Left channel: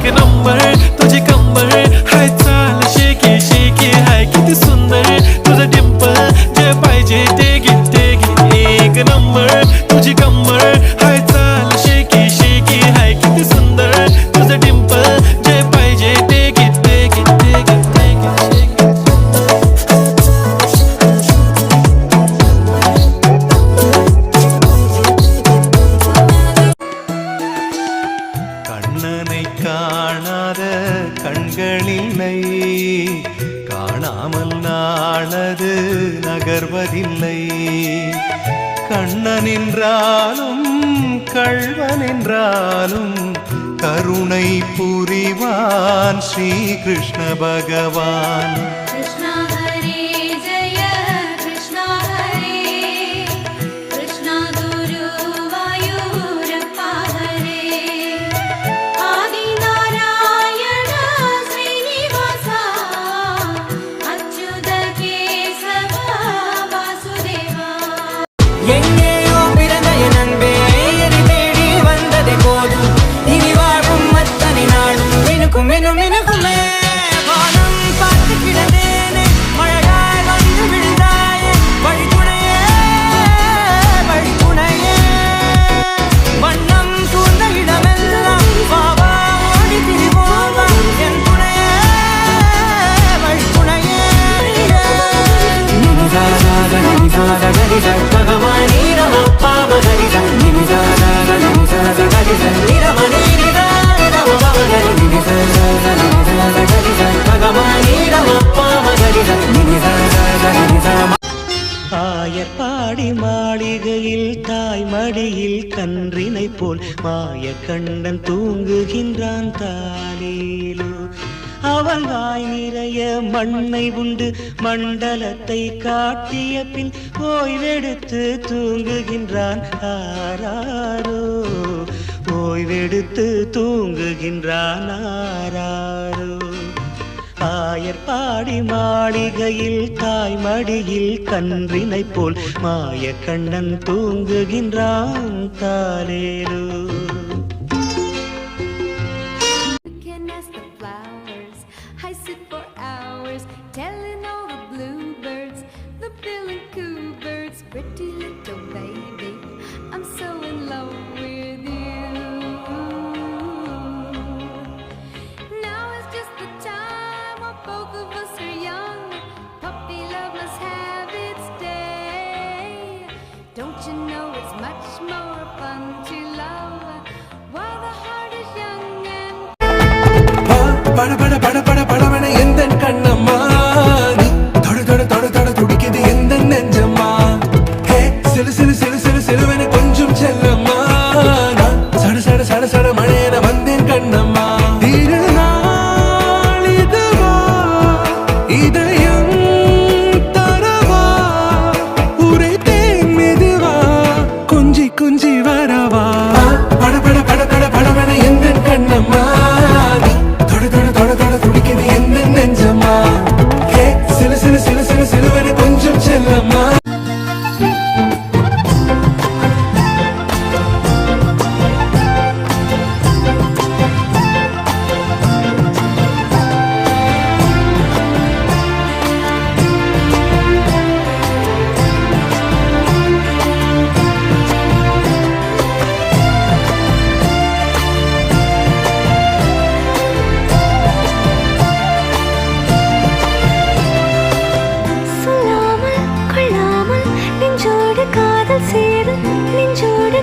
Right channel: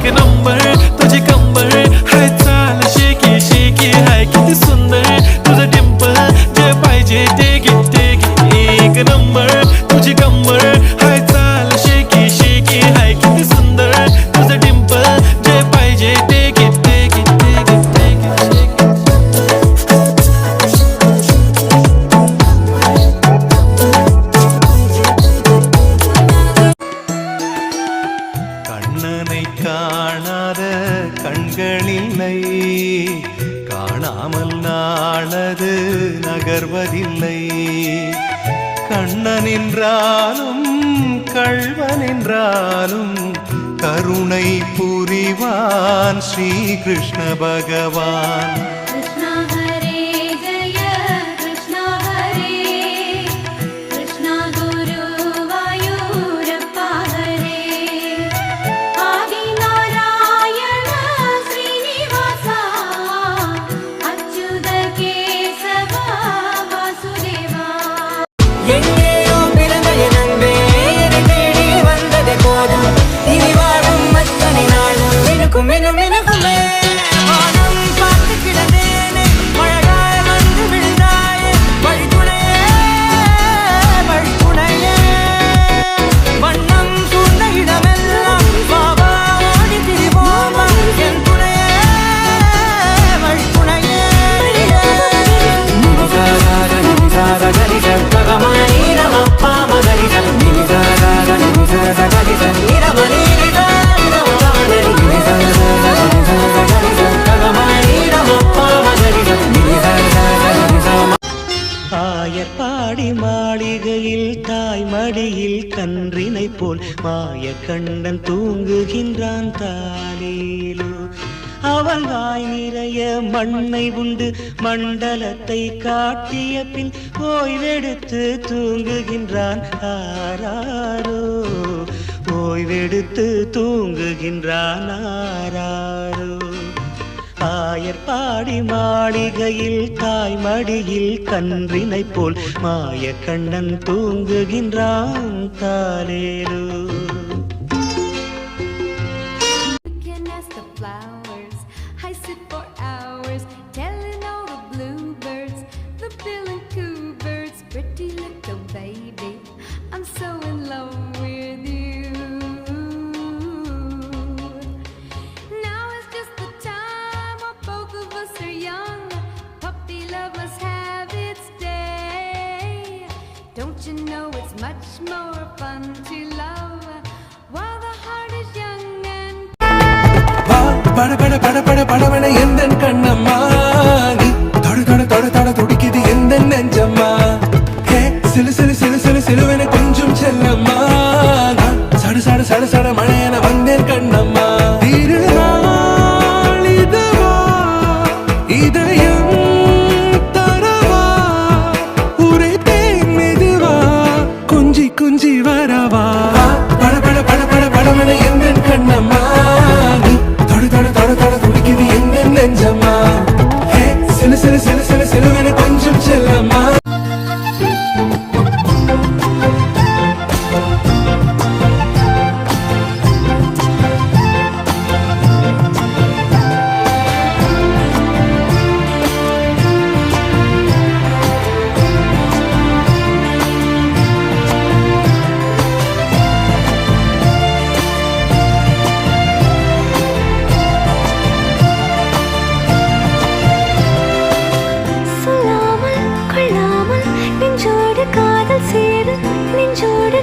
एक नंबर तुझी कंबर हाय चाल शेकी शेकी हाय किती सुंदर तुझं डिंपल जे पाहिजे ते घे एक नंबर तुझी कंबर हाय चाल शेकी शेकी हाय किती सुंदर तुझं डिंपल जे पाहिजे ते घे கண்ணனை காணாத கண்களில்லை காணாமல் நாளது நகர்வதில்லை கண்ணன் என்றாலும் கள்வன் என்றாலும் கருணை புரிவான் ஸ்ரீ கிருஷ்ண பகவான் எங்கேயோ பிறந்த என் அன்பே என்னை தேடி வந்ததே போதும் இனி வாழும் அத்தனை நாளும் மினுக்கும் மினுக்குமே வானம் பார்த்து கிடந்தேனே மழையாய் வந்து விழுந்தாயே வழித்துணையே வண்ணம் சூழ்ந்த இடமெல்லாம் வாவா ஓடி திரிவோம் வா என் துணையே வழித்துணையே கரி சகமானி ரமப்பா மகரி நிமி சக நிமி சகரி நிரமணி ஆயப்பாடி மாளிகையில் தாய் மடியில் கன்றினை போல் மாய கண்ணன் தூங்குகின்றான் தாலேலோ அவன் வாய் நிறைய மண்ணை உண்டு மண்டலத்தை காட்டிய பின் ஓய்வெடுத்து தூங்குகின்றான் ஆராரோ ஓய்வெடுத்து தூங்குகின்றான் ஆராரோ ஆயர்பாடி மாளிகையில் தாய் மடியில் கன்றினை போல் மாய கண்ணன் தூங்குகின்றான் தாலேலோ I sit for hours telling all the bluebirds, the bill and coo birds, pretty little baby, I'm so in love with you. Now is just the time when both of us are young, puppy love must have its day. Don't you know it's much more fun to love while the heart is young and பட பட பட பட படவன எந்த கண்ணம்மா நீ தொட தொட தொட தொட துடிக்குது எந்த நெஞ்சம்மா ஹே சிலு சிலு சிலு சிலு சிலுவன கொஞ்சம் செல்லம்மா நான் சட சட சட சட மழையன வந்தேன் கண்ணம்மா திருநாள் இதுவா இதயம் தரவா உரைத்தேன் மெதுவா குஞ்சி குஞ்சி வரவா பட பட பட பட படவன எந்த கண்ணம்மா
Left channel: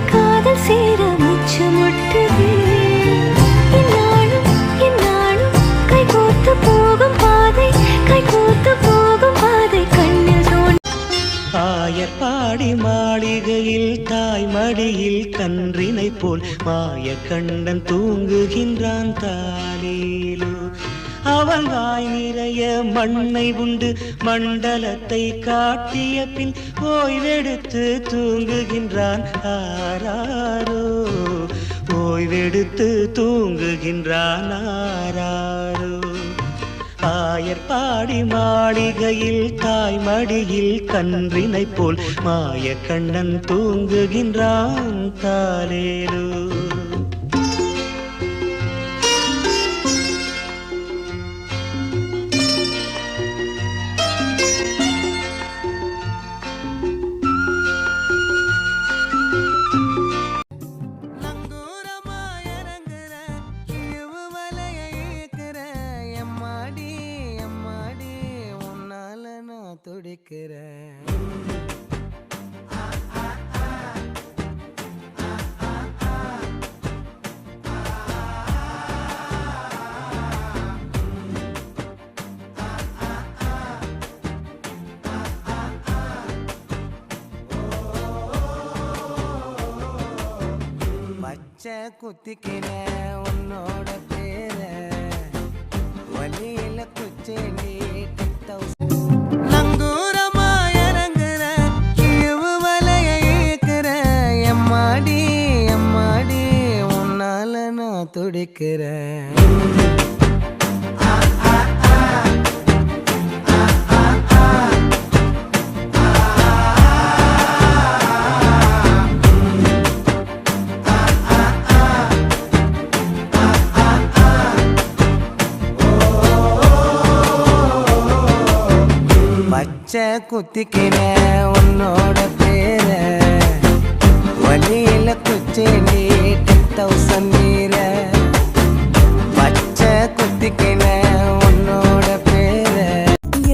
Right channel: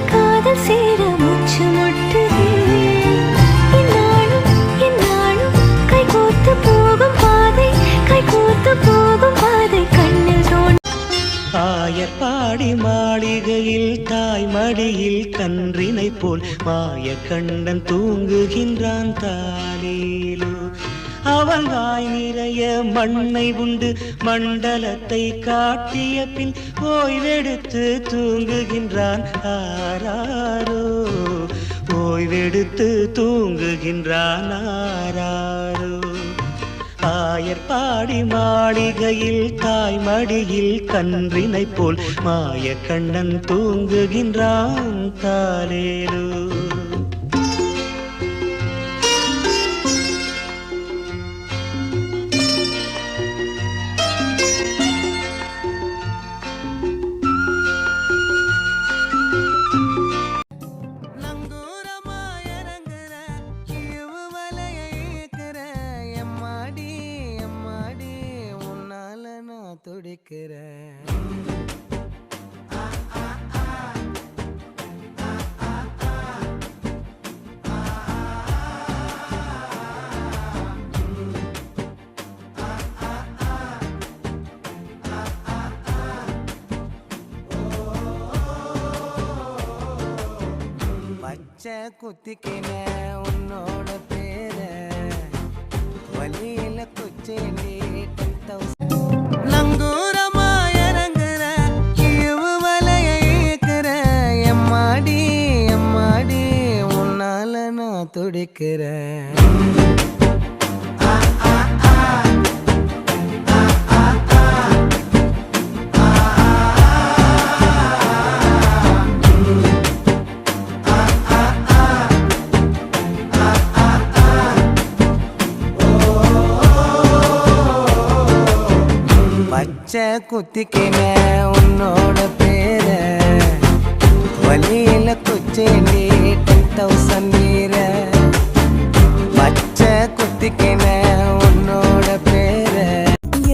காதல் சேர முச்சு முட்டுதே இந்நாளும் கைகோர்த்து போகும் பாதை கண்ணில் தோன் ஆயர்பாடி மாளிகையில் தாய் மடியில் கன்றினை போல் மாய கண்ணன் தூங்குகின்றான் தாலேலோ அவன் வாய் நிறைய மண்ணை உண்டு மண்டலத்தை காட்டிய பின் ஓய்வெடுத்து தூங்குகின்றான் ஆராரோ ஓய்வெடுத்து தூங்குகின்றான் ஆராரோ ஆயர்பாடி மாளிகையில் தாய் மடியில் கன்றினை போல் மாய கண்ணன் தூங்குகின்றான் தாலேலோ துடிக்கிறேன். பச்சை குத்திக்கின உன்னோட பேர வழியில குச்சேண்டி 10,000 நங்கூரமா இறங்குற இவு வலைய இழுக்கிற எம்மாடி எம்மாடி உன்னால நான் துடிக்கிறேன். பச்சை குத்திக்கின உன்னோட பேர வழியில குச்சேண்டி 10,000 மீற பச்சை குத்திக்கின உன்னோட பேர.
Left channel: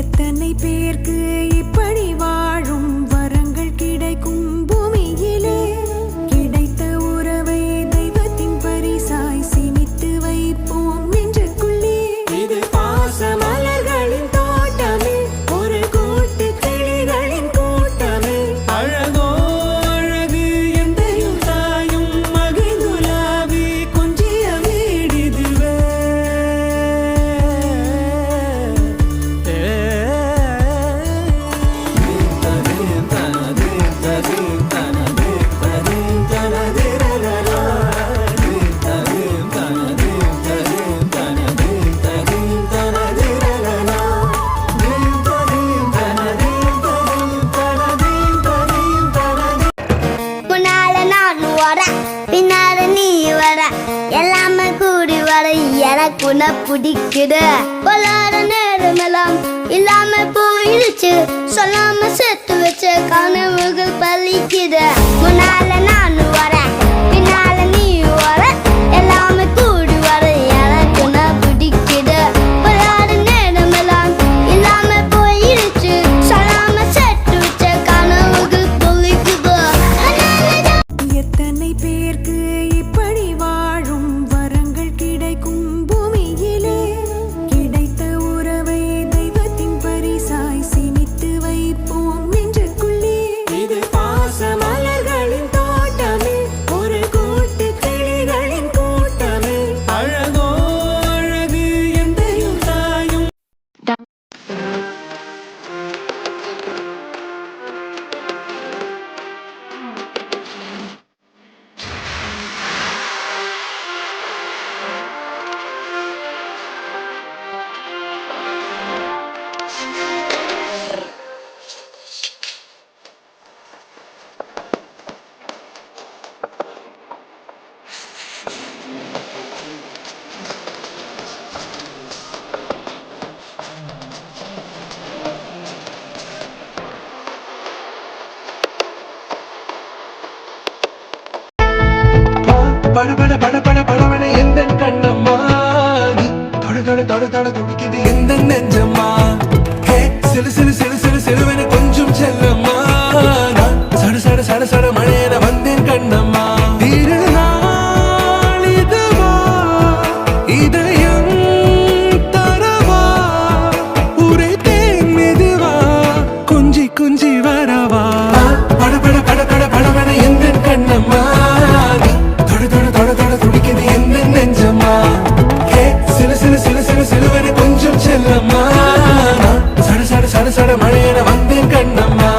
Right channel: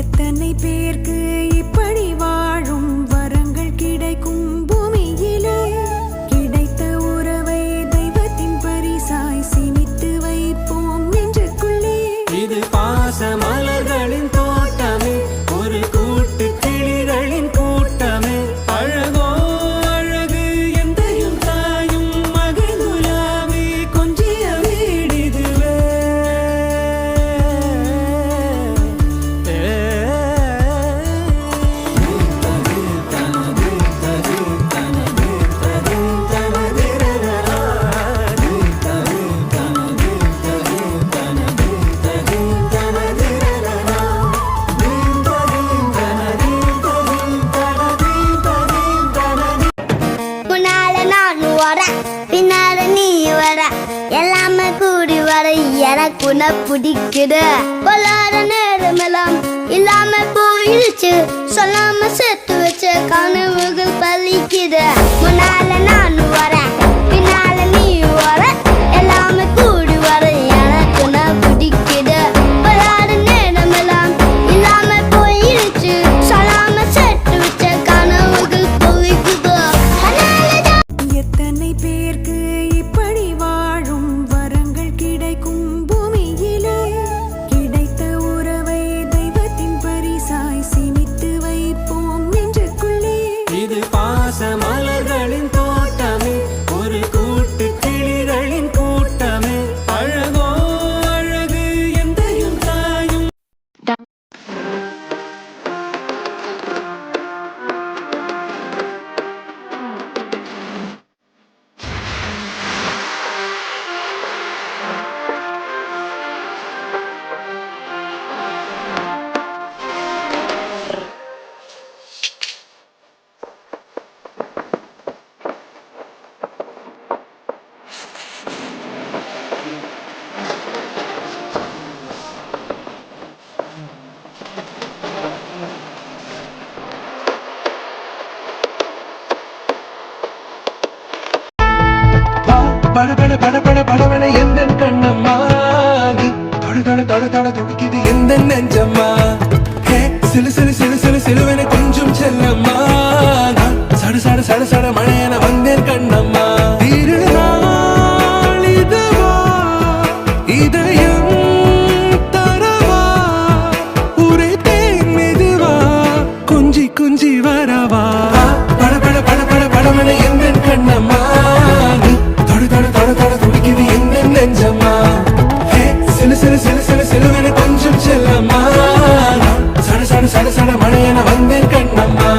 எத்தனை பேருக்கு இப்படி வாழும் வரங்கள் கிடைக்கும் பூமியிலே கிடைத்த உறவை தெய்வத்தின் பரிசாய் சேமித்து வைப்போம் நெஞ்சுக்குள்ளே. இது பாச மலர்களின் தோட்டமே ஒரு கூட்டு கிளிகளின் கூட்டமே அழகோ அழகு எந்தையும் தாயும் மகிழ்ந்துலாவி கொஞ்சிய வீடிதுவே. முன்னால நான் வரேன் பின்னால நீ வர எல்லாமே கூடி வர எனக்கு உன்னை பிடிக்குது. பொல்லாத நேரமெல்லாம் இல்லாம போயிடுச்சு சொல்லாம சேர்த்து வச்ச கனவுகள் பலிக்குது. முன்னால நான் வரேன் பின்னால நீ வர எல்லாமே கூடி வர எனக்கு உன்னை பிடிக்குது. பொல்லாத நேரமெல்லாம் இல்லாம போயிடுச்சு சொல்லாம சேர்த்து வச்ச கனவுகள் பலிக்குது. எத்தனை பேருக்கு இப்படி வாழும் வரங்கள் கிடைக்கும் பூமியிலே கிடைத்த உறவை தெய்வத்தின் பரிசாய் சேமித்து வைப்போம் நெஞ்சுக்குள்ளே. இது பாச மலர்களின் தோட்டமே ஒரு கூட்டு கிளிகளின் கூட்டமே அழகோ அழகு எந்தையும் தாயும். பட பட பட பட படவன எந்த கண்ணம்மா தொட தொட தொட தொட துடிக்குது எந்த நெஞ்சம்மா. ஹே சிலு சிலு சிலு சிலு சிலுவன கொஞ்சம் செல்லம்மா நான் சட சட சட சட மழையன வந்தேன் கண்ணம்மா. திருநாள் இதுவா இதயம் தரவா உரைத்தேன் மெதுவா கொஞ்சி கொஞ்சி வரவா. பட பட பட பட படவன எந்த கண்ணம்மா தொட தொட தொட தொட துடிக்குது எந்த நெஞ்சம்மா. ஹே சிலு சிலு சிலு சிலு சிலுவன கொஞ்சம் செல்லம்மா நான் சட சட சட சட மழையன வந்தேன் Kannamma.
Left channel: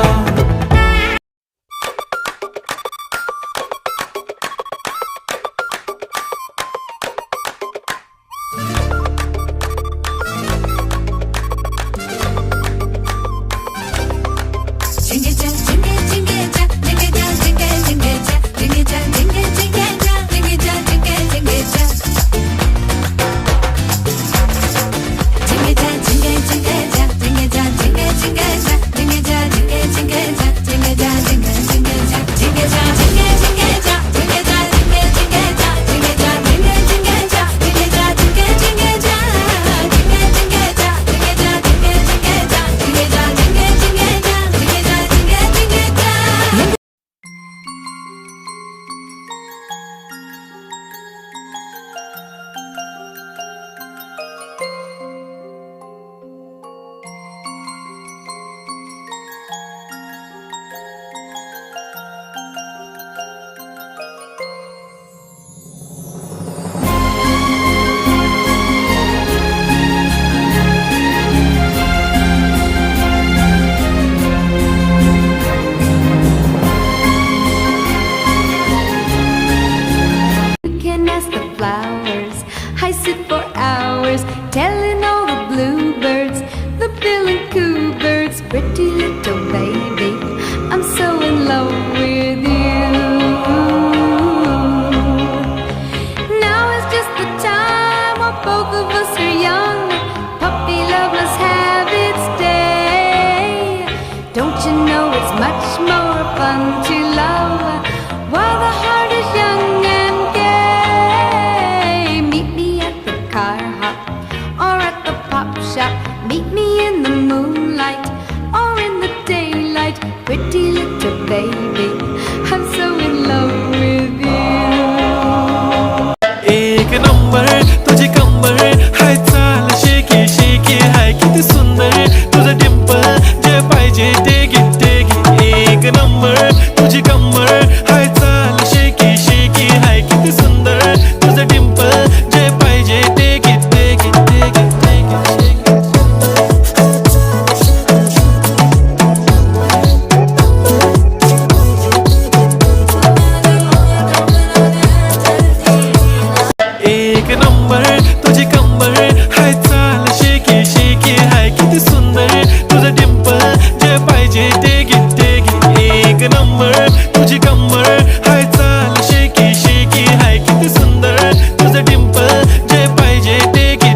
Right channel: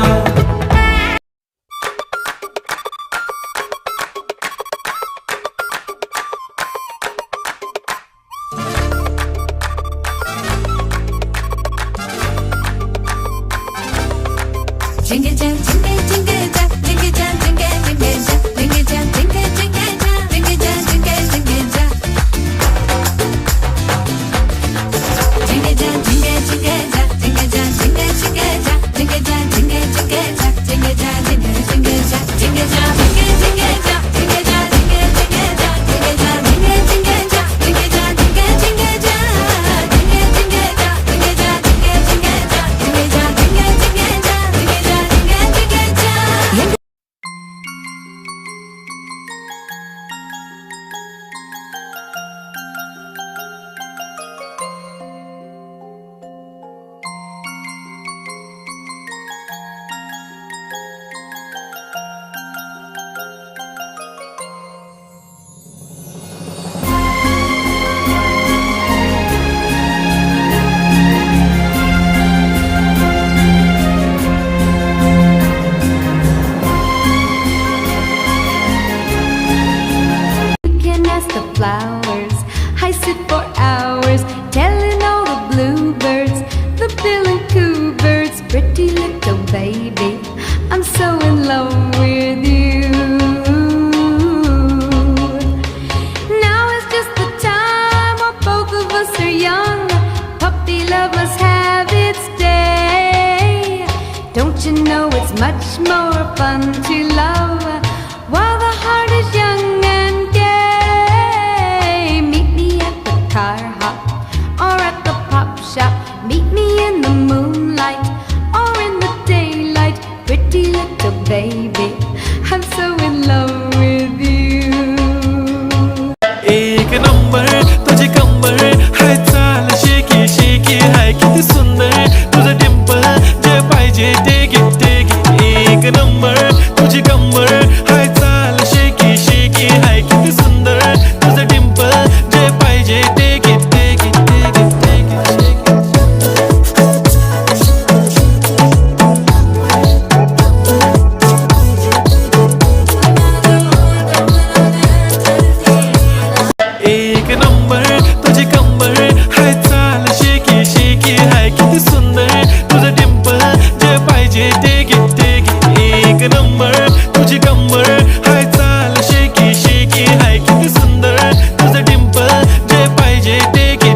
sit for hours telling all the bluebirds, the bill and coo birds, pretty little baby, I'm so in love with you. Now is just the time when both of us are young. Puppy love must have its day. Don't you know it's much more fun to love while the heart is young and gay? Meet me at the car hop or at the pop shop. Meet me in the moonlight or in the daylight. Pretty little baby, I'm so in love with you. एक number तुझी कंबर हाय चाल shaky shaky हाय किती सुंदर तुझं डिंपल जे पाहिजे ते घे एक नंबर तुझी कंबर हाय चाल शेकी शेकी हाय किती सुंदर तुझं डिंपल जे पाहिजे ते घे एक नंबर तुझी कंबर हाय चाल शेकी शेकी हाय किती सुंदर तुझं डिंपल जे पाहिजे ते घे एक नंबर तुझी कंबर हाय चाल शेकी शेकी हाय किती सुंदर तुझं डिंपल जे पाहिजे ते घे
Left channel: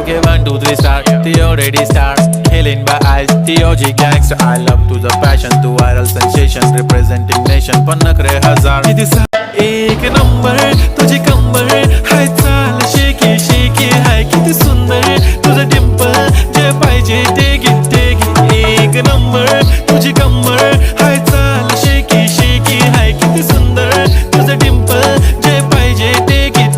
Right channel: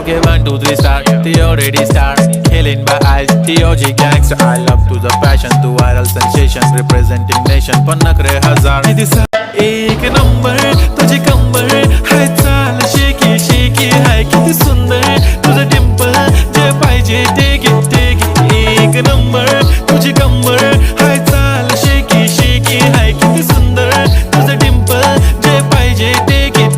Okay, 1, 2, 3, start. The already start. Killing by eyes. The OG gangster. I love to the passion, to viral sensation, representing nation. पन्नकरे हजार. किती सा एक नंबर तुझी कंबर हाय चाल शेकी शेकी हाय किती सुंदर तुझं डिंपल जे पाहिजे ते घे एक नंबर तुझी कंबर हाय चाल शेकी शेकी हाय किती सुंदर तुझं डिंपल जे पाहिजे ते घे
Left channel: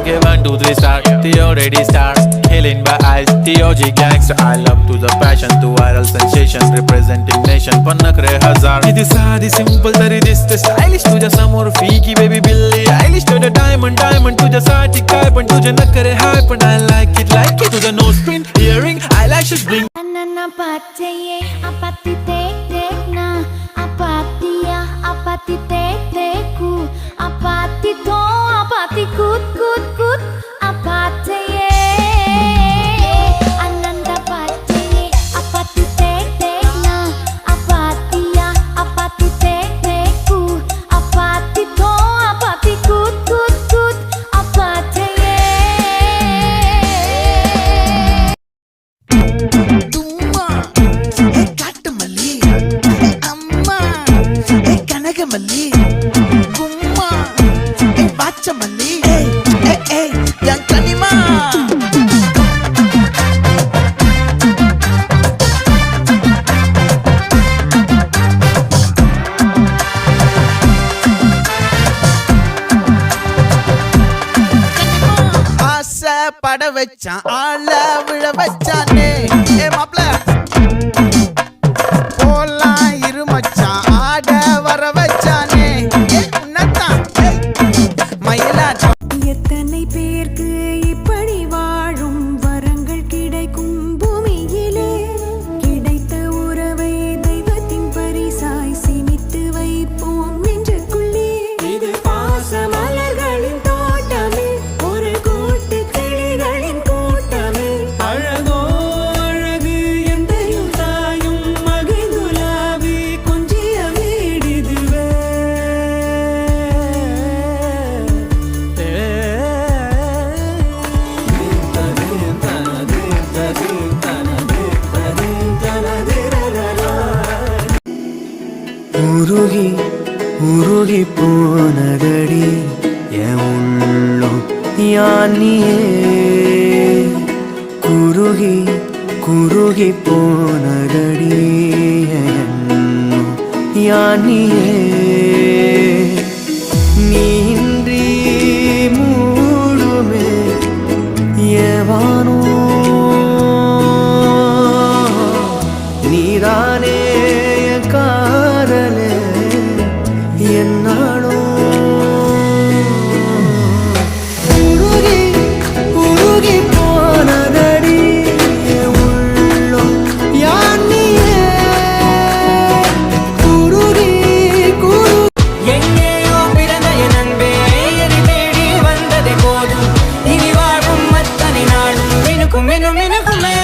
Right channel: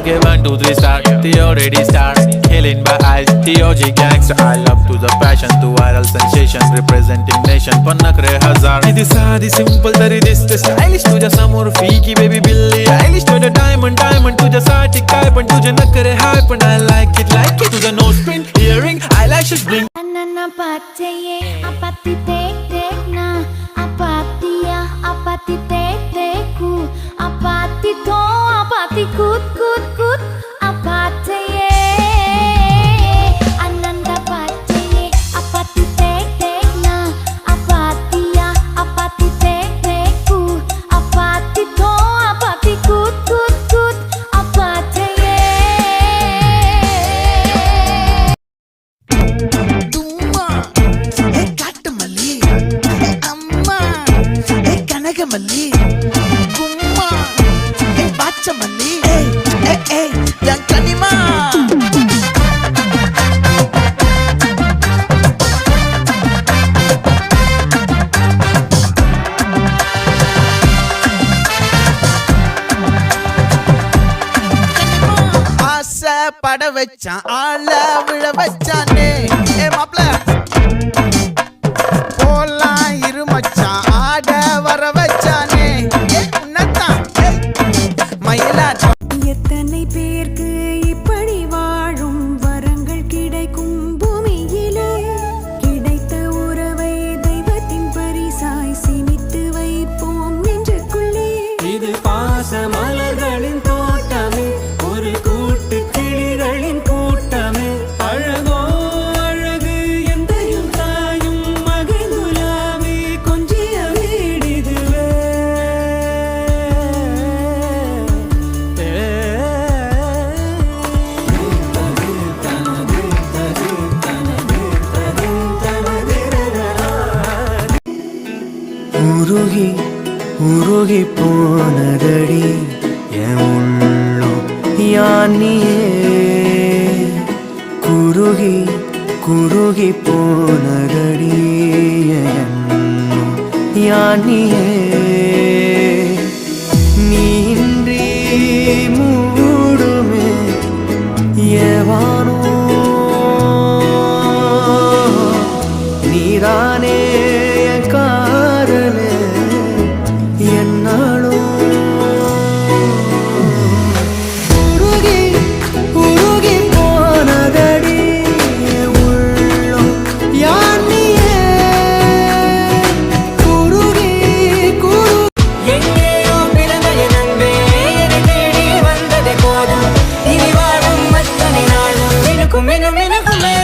Okay, 1, 2, 3, start. The already start. Killing by eyes. The OG gangster. I love to the passion, to viral sensation, representing nation. पन्नकरे हजार. किती साधी simple तरी दिसते stylish तुझ्या समोर फीकी baby बिल्ली आयलिश तुझं diamond तुझ्यासाठी काय पण तुझे नखरे हाय पण I like it तुझं nose print earring eyelashes bling. Anana pachaye apati tek na apati ya apati tek ku apati to apati kut apataye ananda pachaye apati tek na apati ya apati tek ku apati to apati kut apataye. தும்மா ஏ காட்டுமல்லி ஏ அம்மா ஏ கனகமல்லி கும்மா ஏ பாச்சமல்லி ஏ என் கனிமா ஆசை பட வச்சான் ஆள விழ வச்சானே ஏ மாப்ள போலாம் இரு மச்சான் ஆட வர வச்சானே ஏ உன்னத்தான் மயிலாட்டம். எத்தனை பேருக்கு இப்படி வாழும் வரங்கள் கிடைக்கும் பூமியிலே கிடைத்த உறவை தெய்வத்தின் பரிசாய் சேமித்து வைப்போம் நெஞ்சுக்குள்ளே. இது பாச மலர்களின் தோட்டமே ஒரு கூட்டு கிளிகளின் கூட்டமே அழகோ அழகு எந்தையும் தாயும் மகிழ்ந்துலாவி கொஞ்சிய வீடிதுவே. உருகி உருகி போனதடி என் உள்ளம் யானியே குருகி குருகி போனதடி என் எண்ணம் யானியே நீன்றி மூடுமே ஏவானோ நீதானே என் காதலே என்னாலும் உருகி உருகி போனதடி என் உள்ளம் யானியே குருகி குரு எங்கேயோ பிறந்த என் அன்பே என்னை தேடி வந்ததே போதும் இனி வாழும் அத்தனை நாளும் மினுக்கும் மினுக்குமே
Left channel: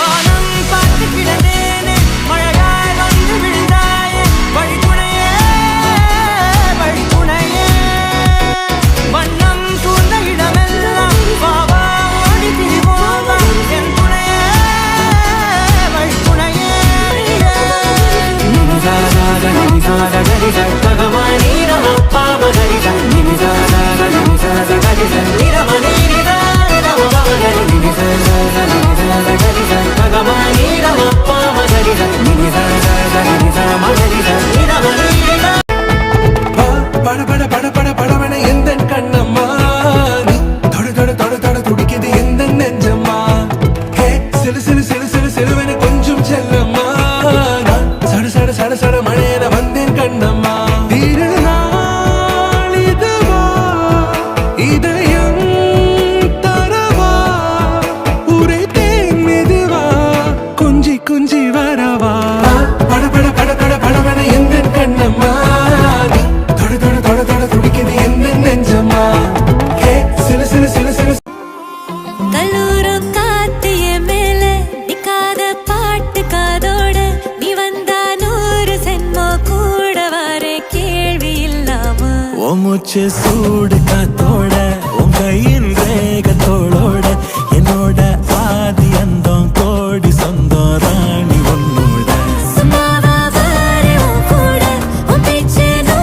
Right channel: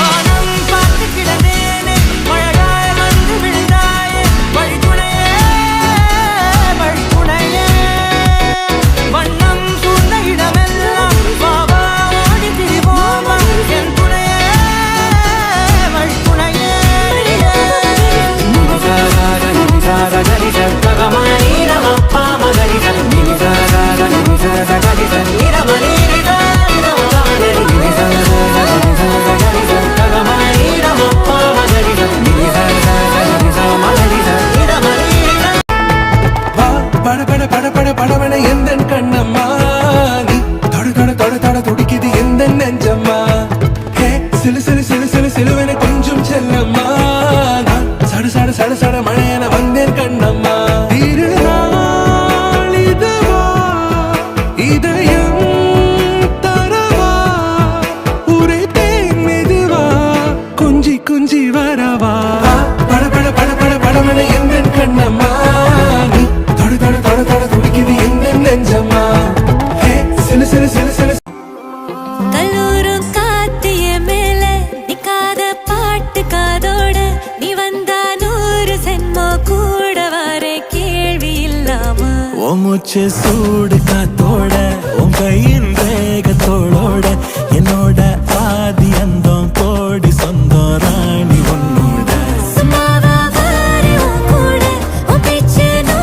வானம் பார்த்து கிடந்தேனே மழையாய் வந்து விழுந்தாயே வழி துணையே வண்ணம் சூழ்ந்த இடமெல்லாம் வாவா ஓடி திரிவோவா என் துணையே வழி துணையே நிமிசாகரிச பகமானீரமப்பா மகரிச நிமிசாகரிச நிரமணீரிதமகரி நிமிசாகரிச பகமானீரமப்பா மகரிச நிமிசாகரிச நிரமணீரித பட பட பட பட படவன எந்த கண்ணம்மா நீ தொட தொட தொட தொட துடிக்குது எந்த நெஞ்சம்மா ஹே சிலு சிலு சிலு சிலு சிலுவன கொஞ்சம் செல்லம்மா நான் சட சட சட சட மழையன வந்தேன் கண்ணம்மா திருநாள் இதுவா இதயம் தரவா உரைத்தேன் மெதுவா குஞ்சி குஞ்சி வரவா பட பட பட பட படவன எந்த கண்ணம்மா நீ தொட தொட தொட தொட துடிக்குது எந்த நெஞ்சம்மா ஹே சிலு சிலு சிலு சிலு கல்லூரும் காத்திய மேல நிக்காத பாட்டு காதோட நீ வந்தா 100 சென்மோ கூட வர கேள்வி இல்லாம ஓ மூச்சு சூடு காத்தோட உன் கையின் ரேகத்தோளோட என்னோட ஆதி அந்தம் கோடி சொந்தம் ராணி உன்னோட சும்மாவா வாரே உன் கூட உன் பேச்சு 100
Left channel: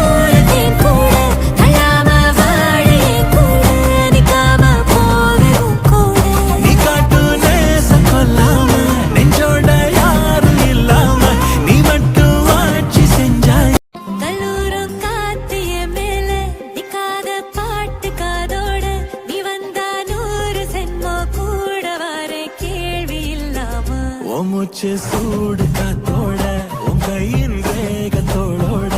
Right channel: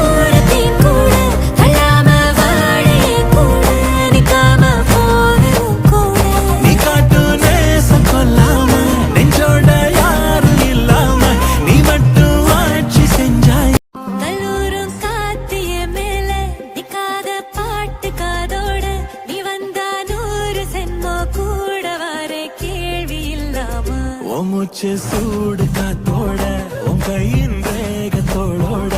தேன் கூட கல்லாம வாழ என் கூட நிக்காம போவே உன் கூட நீ காட்டு நேசம் கொல்லாம நெஞ்சோட யாரும் இல்லாம நீ மட்டும் ஆட்சி செஞ்சாய் கல்லூரும் காத்திய மேல நிக்காத பாட்டு காதோட நீ வந்தா 100 சென்மோ கூட வர கேள்வி இல்லாம ஓ மூச்சு சூடு காத்தோட உன் கையின் ரேகத்தோளோட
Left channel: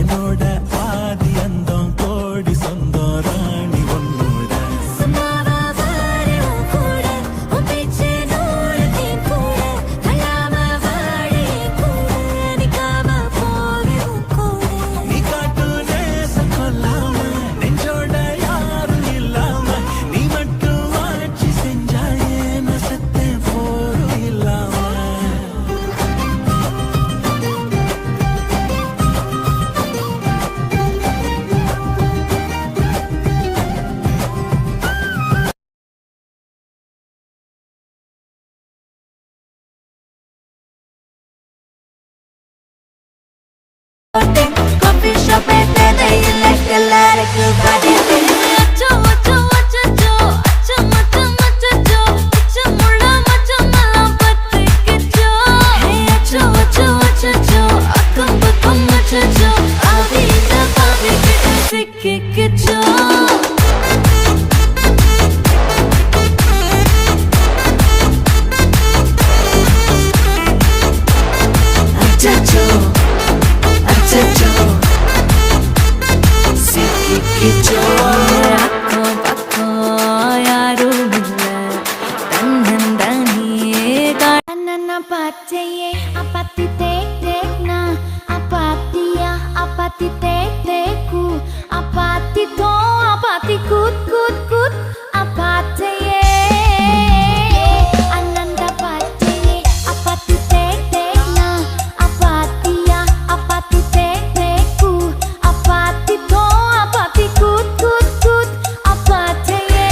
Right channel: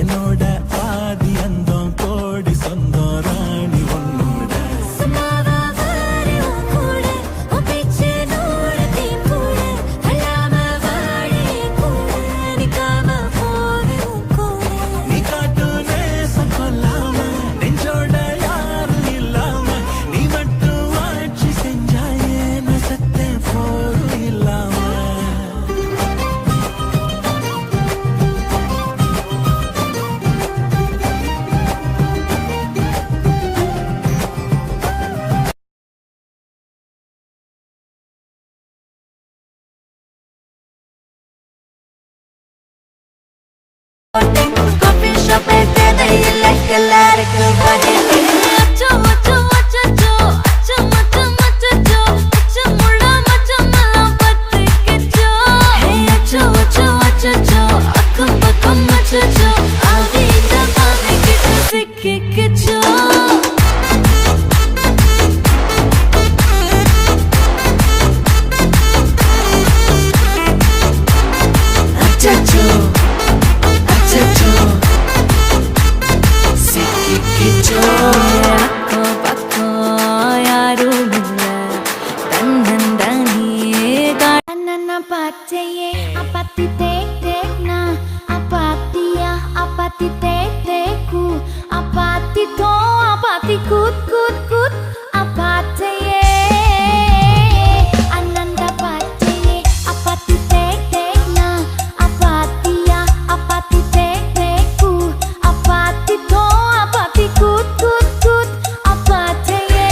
என்னோட ஆதி அந்தம் கோடி சொந்தம் ராணி உன்னோட சும்மாவா வாரே உன் கூட உன் பேச்சு 100 தேன் கூட கல்லாம வாழ என் கூட நிக்காம போவே உன் கூட நீ காட்டு நேசம் கொல்லாம நெஞ்சோட யாரும் இல்லாம நீ மட்டும் ஆட்சி செஞ்சாயே நசத்தே போரும் இல்லாம காபி ஷாப் தேவையில்லை எல்லாருக்கும் பதிலே அச்சோ அச்சோ அச்சோ அச்சோ அச்சோ அச்சோ முள்ள மச்சமெல்லாம் பத்திக்கிச்சோ அச்சோ அச்சோ அச்சோ அக்கம் பக்கம் அச்சோ ஆவித பாவிக்கிட்ட சிக்கிக்கிச்சோ அச்சோ அக்கம் பக்கம் யாரும் இல்ல தன்னந்தனே அண்ணா பாச்சையே அப்பாத்தி தேக் தேக்னா அப்பாத்தியா அப்பாத்தி தேக் தேக்கு அப்பாத்தி தோ அப்பாத்தி கூத் கூத் கூத் அப்பாச்சையே அண்ணா பாச்சையே அப்பாத்தி தேக் தேக்னா அப்பாத்தியா அப்பாத்தி தேக் தேக்கு அப்பாத்தி தோ அப்பாத்தி கூத் கூத் கூத் அப்பாச்சையே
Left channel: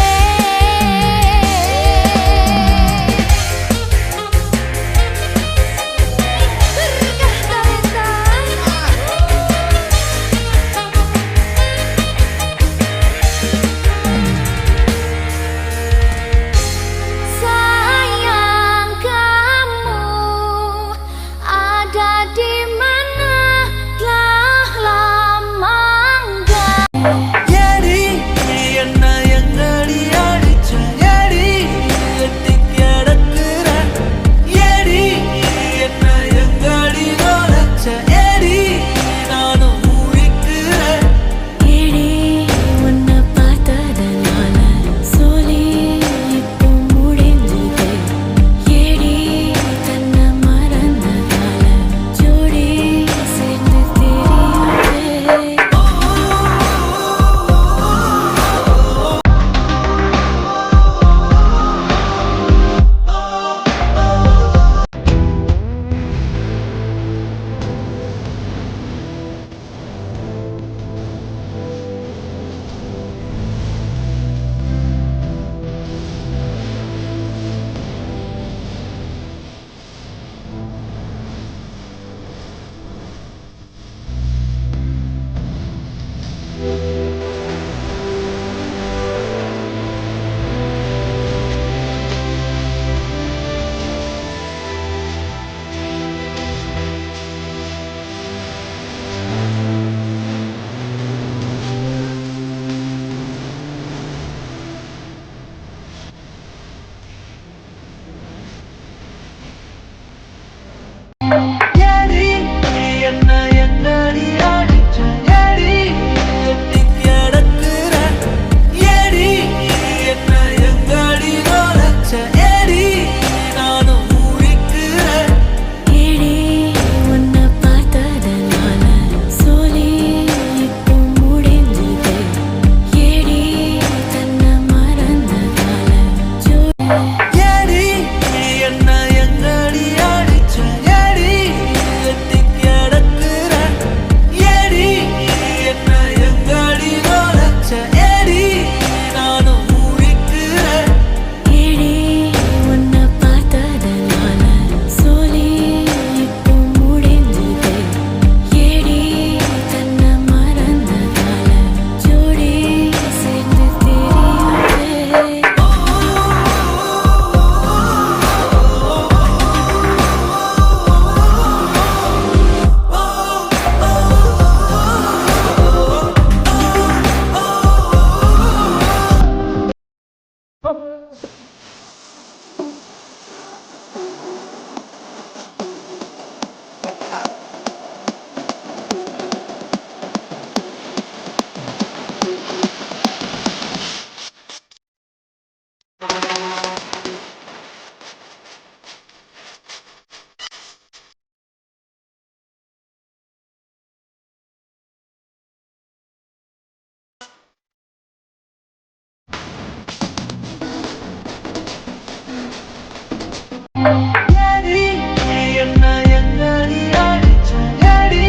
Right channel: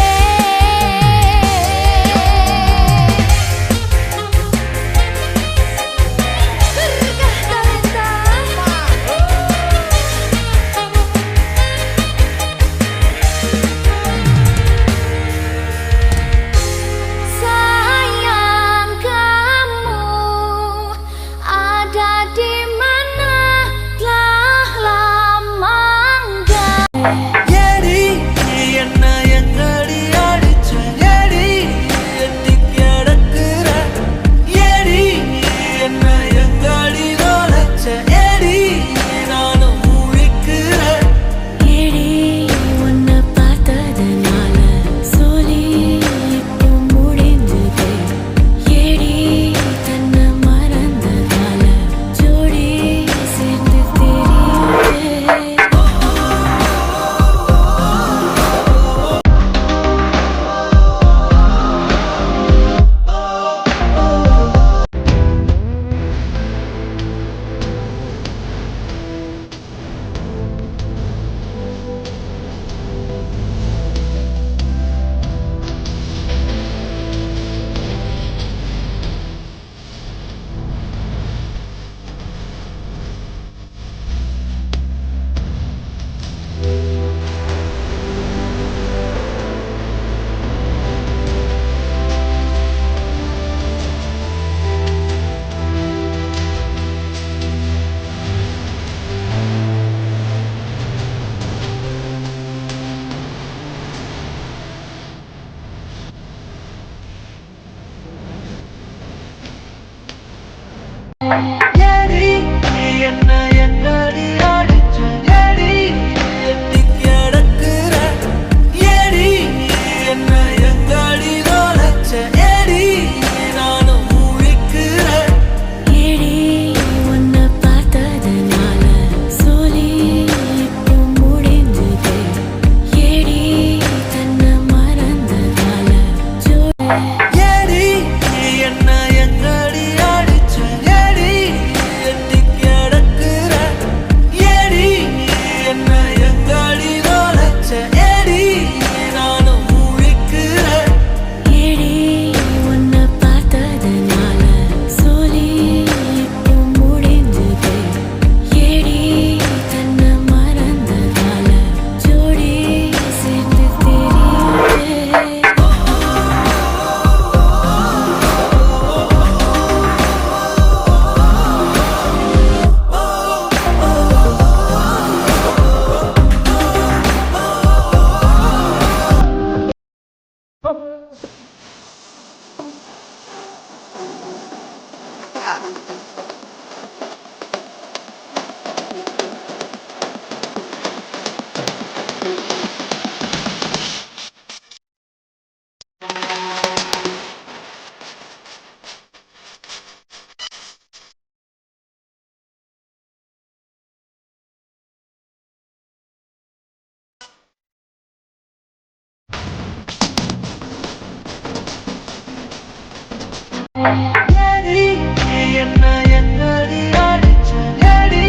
என்ன எங்கடி அடிச்ச எடி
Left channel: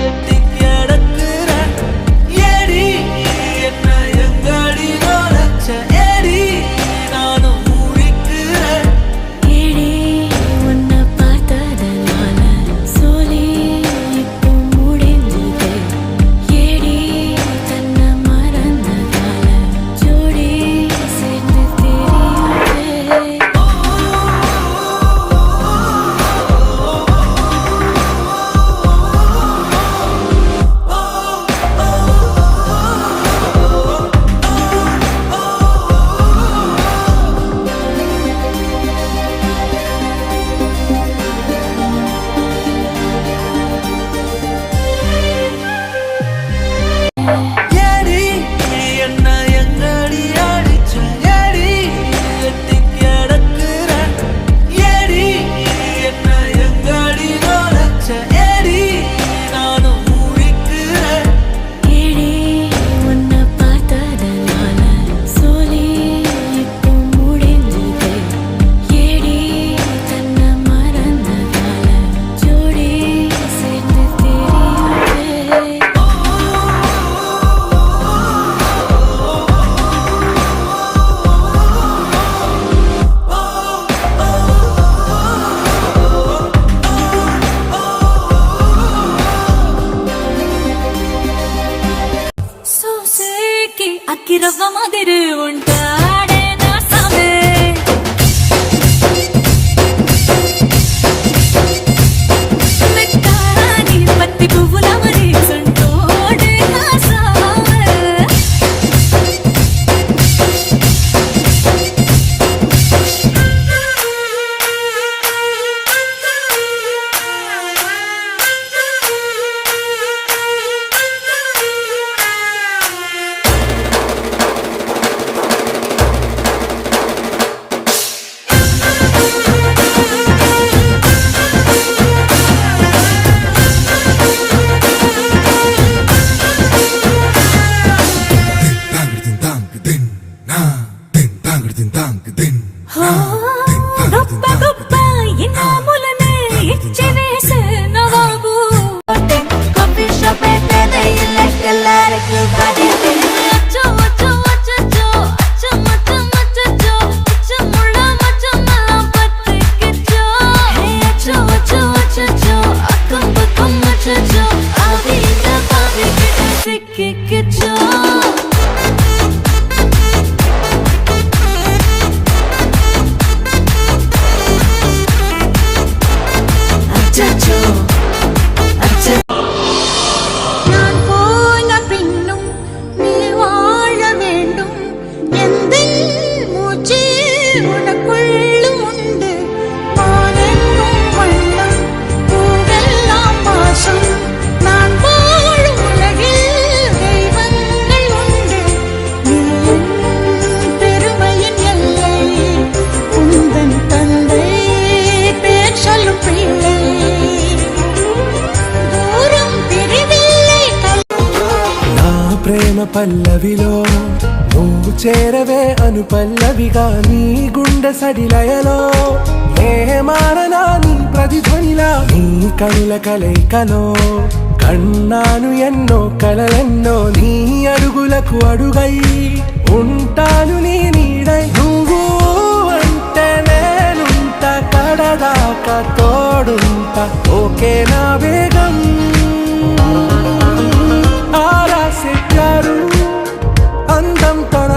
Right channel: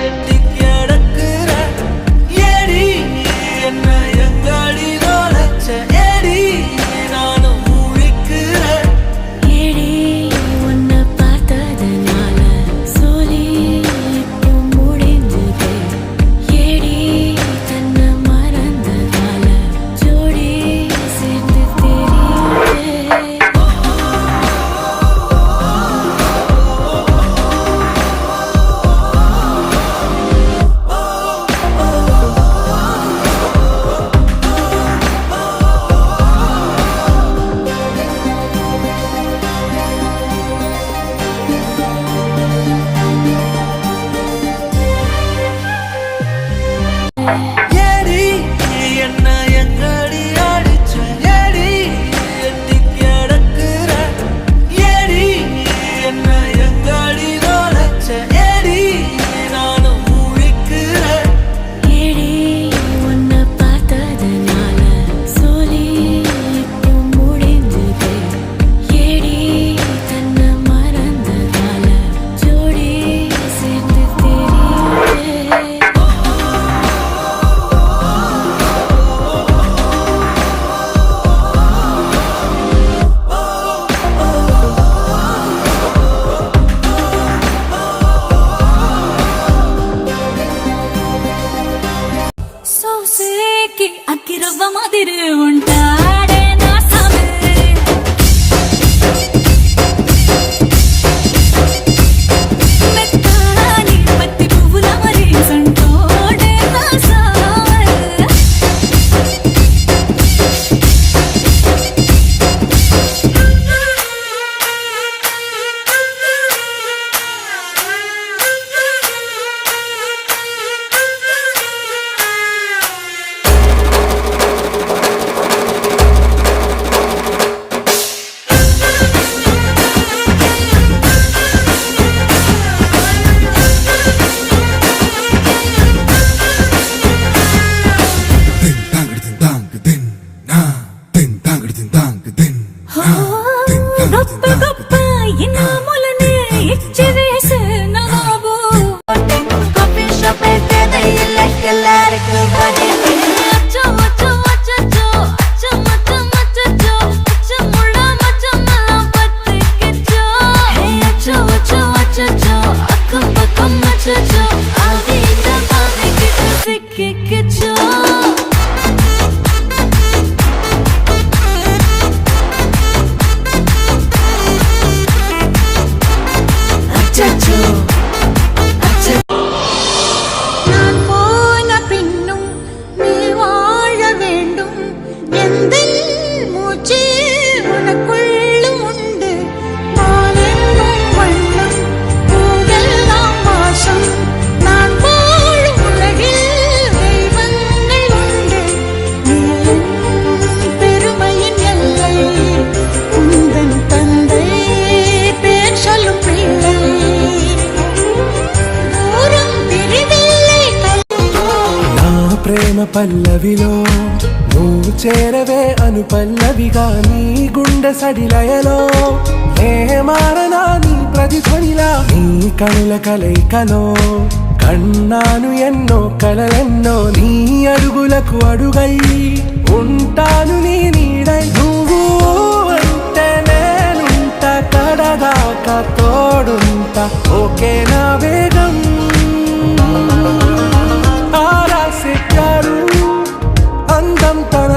எட்டி கிடக்குற எடி என்ன எங்கடி நோலச்ச எடி நானும் முழிக்கிறேன் ஏடி உன்னை பார்த்ததனால சோலி இப்போ முடிஞ்சது ஏடி தன்னை மறந்ததால ஜோடி சேர்ந்து தெரியுது எடி என்ன எங்கடி அடிச்ச எடி எட்டி கிடக்குற எடி என்ன எங்கடி நோலச்ச எடி நானும் முழிக்கிறேன் ஏடி உன்னை பார்த்ததனால சோலி இப்போ முடிஞ்சது ஏடி தன்னை மறந்ததால ஜோடி சேர்ந்து தெரியுது సోసేకి అక్కిరవ్వ మాదిరి ఉంటాడే నా సామే మెత్తాని పత్తి పువ్వుల మరి సంటోడే నా సామే గొప్ప గొప్ప ఇనాములనే ఇచ్చి వేసే నవాబు కాఫీ షాప్ పెట్టేది ఇల్లెక్కలారికి పడేది అచ్చో అచ్చో అచ్చో అచ్చో మచ్చ మచ్చో అచ్చో ముళ్ళ మచ్చ మల్ల పత్తికిచ్చో హే అచ్చో అచ్చో అచ్చో అక్కం పక్కం మచ్చో అవి తపాని కిట సిక్కిచ్చో நான் போன பின்னும் நீ வாழ வேண்டும் எந்த மூச்சு உனக்குள்ளும் உண்டு பாலெங்கும் வண்ணம் பூவெல்லாம் வாசம் நான் வாழும் உலகில் தெய்வங்கள் உண்டு நீ என் பெருமையின் எல்லை உந்தன் தந்தை பேர் சொல்லும் பிள்ளை தூரம் பிரிவில்லை నా ప్రేమ పల్లవిలో నువ్వు చేరవే అను పల్లవిగా నీ గుండె సడిలయలో నే మారనా నీ ప్రతిధ్వనిలా నీ కనుల కలయికలో కన్నాను ఎన్నో కలలెన్నో నీ అడుగులకు అడుగై ఉంటాను నీ నీడై నువ్వు అంటే నేనుంట కడదాకా తోడుంట ఓకే నా బేగం ఆరా से प्यारू అందం తన